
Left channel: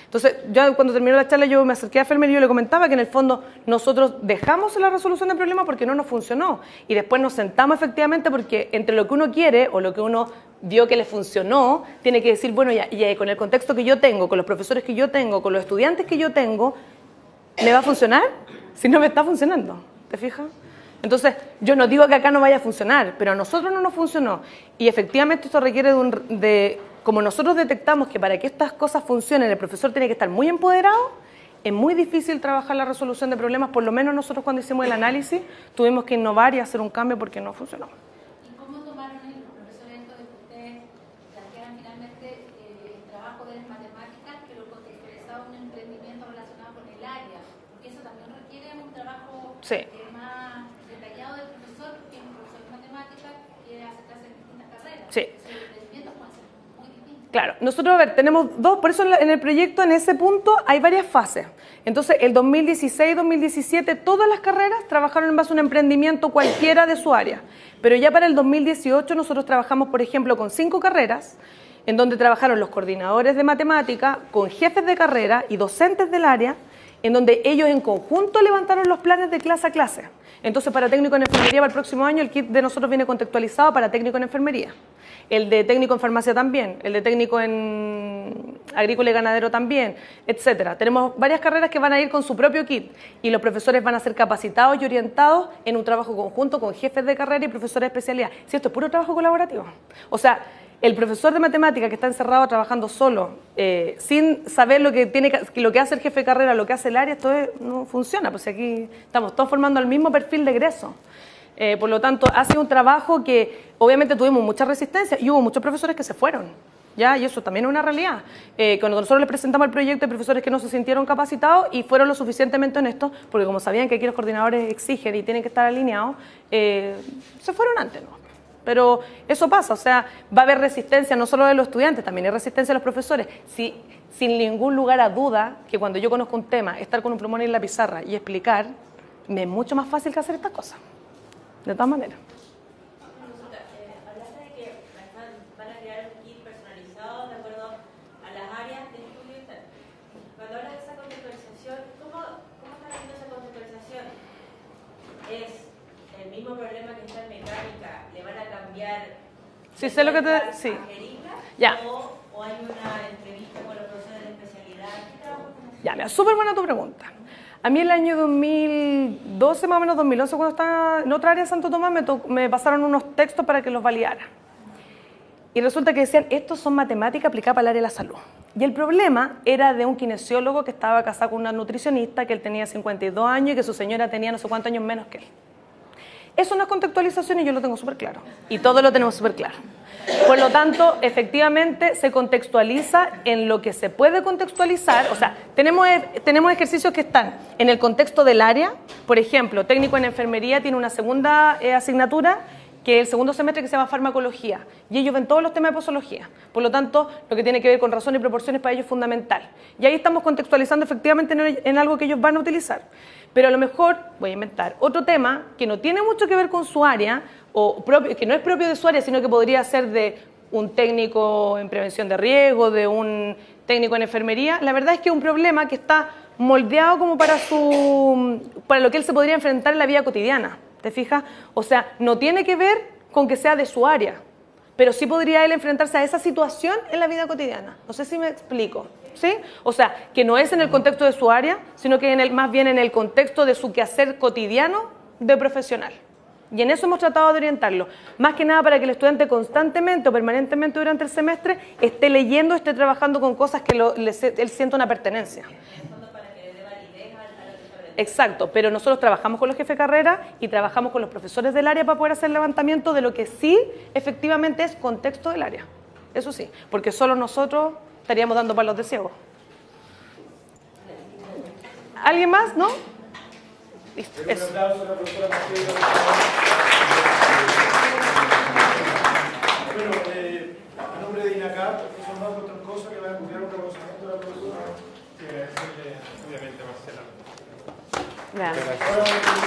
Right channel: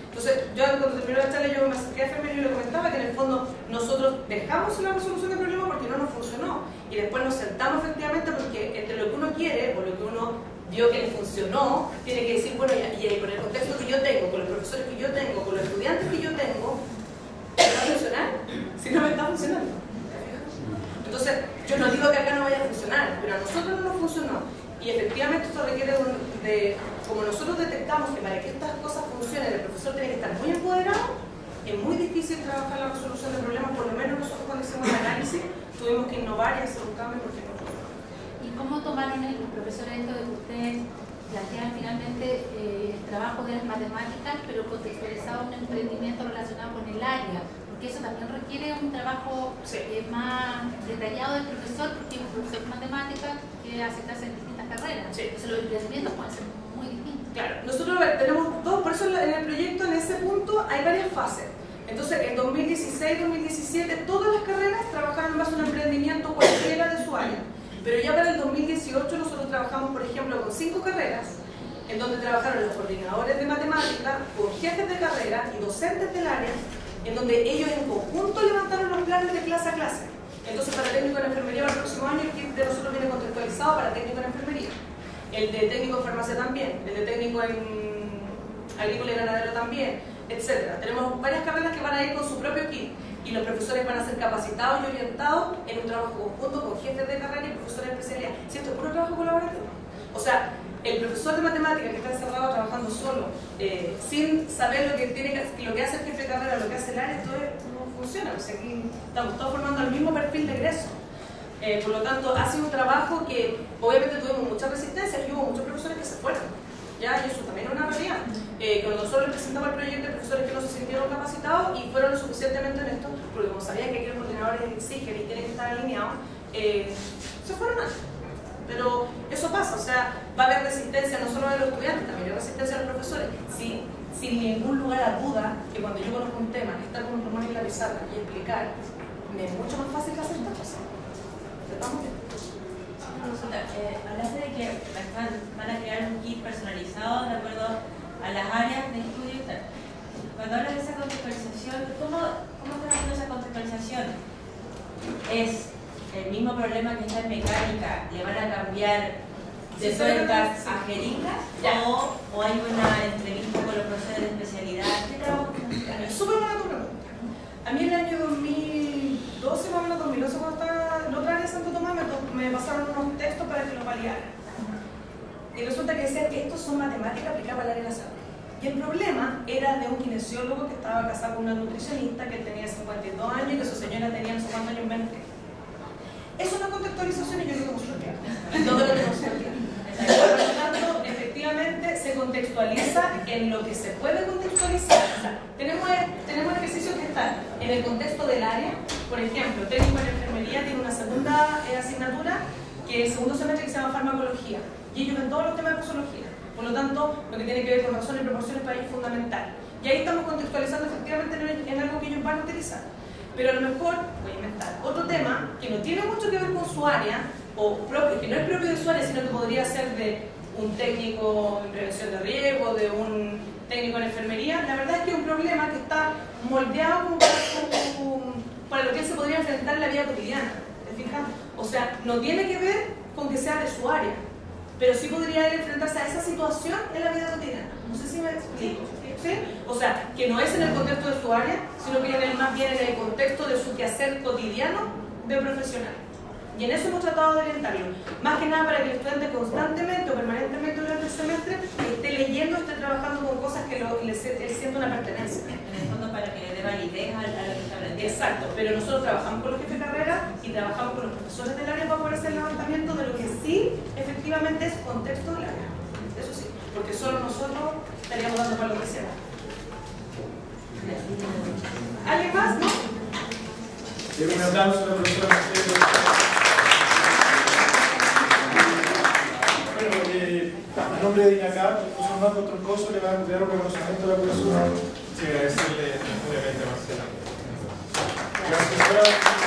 Entonces, yo cuando terminó la charla, yo me acerqué a Felmer y yo le comentaba que en el fondo nosotros dejamos la resolución del problema porque no nos funcionó, y después nos sentamos efectivamente porque entre lo que uno quiere o lo que uno vio que le funcionó, tiene que decir, bueno, ya con el contexto que yo tengo, con los profesores que yo tengo, con los estudiantes que yo tengo, ¿le va a funcionar? Si no me está funcionando, ¿te fijas? Entonces, yo no digo que acá no vaya a funcionar, pero a nosotros no nos funcionó. Y efectivamente esto requiere como nosotros detectamos que para que estas cosas funcionen el profesor tiene que estar muy empoderado, es muy difícil trabajar la resolución de problemas, por lo menos nosotros cuando hicimos el análisis tuvimos que innovar y hacer un cambio porque no funcionó. ¿Y cómo tomaron los profesores esto de que ustedes plantean finalmente el trabajo de las matemáticas, pero contextualizado en un emprendimiento relacionado con el área? Porque eso también requiere un trabajo más detallado del profesor, porque es un profesor de matemáticas que hace clases en distintas carreras. Entonces los emprendimientos pueden ser muy distintos. Claro, nosotros, a ver, tenemos dos, por eso en el proyecto, en ese punto, hay varias fases. Entonces, el 2016-2017, todas las carreras trabajaron en base a un emprendimiento cualquiera de su área. Pero ya para el 2018 nosotros trabajamos, por ejemplo, con 5 carreras, en donde trabajaron los coordinadores de matemática, con jefes de carrera y docentes del área, en donde ellos en conjunto levantaron los planes de clase a clase. Entonces, para técnico en enfermería para el próximo año, el kit de nosotros viene contextualizado para técnico en enfermería. El de técnico en farmacia también, el de técnico en agrícola y ganadero también, etcétera. Tenemos varias carreras que van a ir con su propio kit y los profesores van a ser capacitados y orientados en un trabajo conjunto con jefes de carrera y profesores de especialidad. Si esto es puro trabajo colaborativo. O sea, el profesor de matemática que está encerrado trabajando solo, sin saber lo que hace el jefe de carrera, lo que hace el área, esto no funciona, pues aquí estamos todos formando el mismo perfil de egreso. Por lo tanto, ha sido un trabajo que obviamente tuvimos mucha resistencia y hubo muchos profesores que se fueron, ¿ya? Y eso también es una realidad. Cuando nosotros les presentamos el proyecto, hay profesores que no se sintieron capacitados y fueron lo suficientemente honestos, porque como sabían que aquí los coordinadores exigen y tienen que estar alineados, se fueron antes. Pero eso pasa, o sea, va a haber resistencia no solo de los estudiantes, también hay resistencia de los profesores. Sin ningún lugar a duda que cuando yo conozco un tema, estar con un plumón en la pizarra y explicar, me es mucho más fácil que hacer estas cosas. De todas maneras. Hablaste de que van a crear un kit personalizado de acuerdo a las áreas de estudio y tal. Cuando hablas de esa contextualización, ¿cómo están haciendo esa contextualización? ¿Es el mismo problema que está en mecánica, le van a cambiar de tuercas a jeringas? ¿O hay una entrevista con los profesores de especialidad? ¿Qué trabajo? Ya, súper buena tu pregunta. A mí el año 2012, más o menos 2011, cuando estaba en otra área de Santo Tomás, me pasaron unos textos para que los validara. Y resulta que decían, estos son matemáticas aplicadas para el área de la salud. Y el problema era de un kinesiólogo que estaba casado con una nutricionista, que él tenía 52 años y que su señora tenía no sé cuántos años menos que él. Eso no es contextualización y yo lo tengo súper claro. Y todos lo tenemos súper claro. Por lo tanto, efectivamente, se contextualiza en lo que se puede contextualizar. O sea, tenemos ejercicios que están en el contexto del área. Por ejemplo, técnico en enfermería tiene una segunda asignatura, que es el segundo semestre, que se llama farmacología. Y ellos ven todos los temas de posología. Por lo tanto, lo que tiene que ver con razón y proporciones para ellos es fundamental. Y ahí estamos contextualizando efectivamente en algo que ellos van a utilizar. Pero a lo mejor, voy a inventar, otro tema que no tiene mucho que ver con su área, o que no es propio de su área, sino que podría ser de un técnico en prevención de riesgo, de un técnico en enfermería. La verdad es que es un problema que está moldeado como para lo que él se podría enfrentar en la vida cotidiana. ¿Te fijas? O sea, no tiene que ver con que sea de su área, pero sí podría él enfrentarse a esa situación en la vida cotidiana. No sé si me explico, ¿sí? O sea, que no es en el contexto de su área, sino que más bien en el contexto de su quehacer cotidiano de profesional. Y en eso hemos tratado de orientarlo. Más que nada para que el estudiante constantemente o permanentemente durante el semestre esté leyendo, esté trabajando con cosas que él sienta una pertenencia. En el fondo, para que le dé validez a lo que está aprendiendo. Exacto, pero nosotros trabajamos con los jefes de carrera y trabajamos con los profesores del área para poder hacer el levantamiento de lo que sí efectivamente es contexto del área. Eso sí, porque solo nosotros estaríamos dando palos de ciego. ¿Alguien más? ¿No? Un aplauso a la profesora Marcela. Bueno, a nombre de INACAP, el profesor Marco Troncoso le va a entregar un reconocimiento a la profesora. Sí, agradecerle muy a Marcela. Gracias.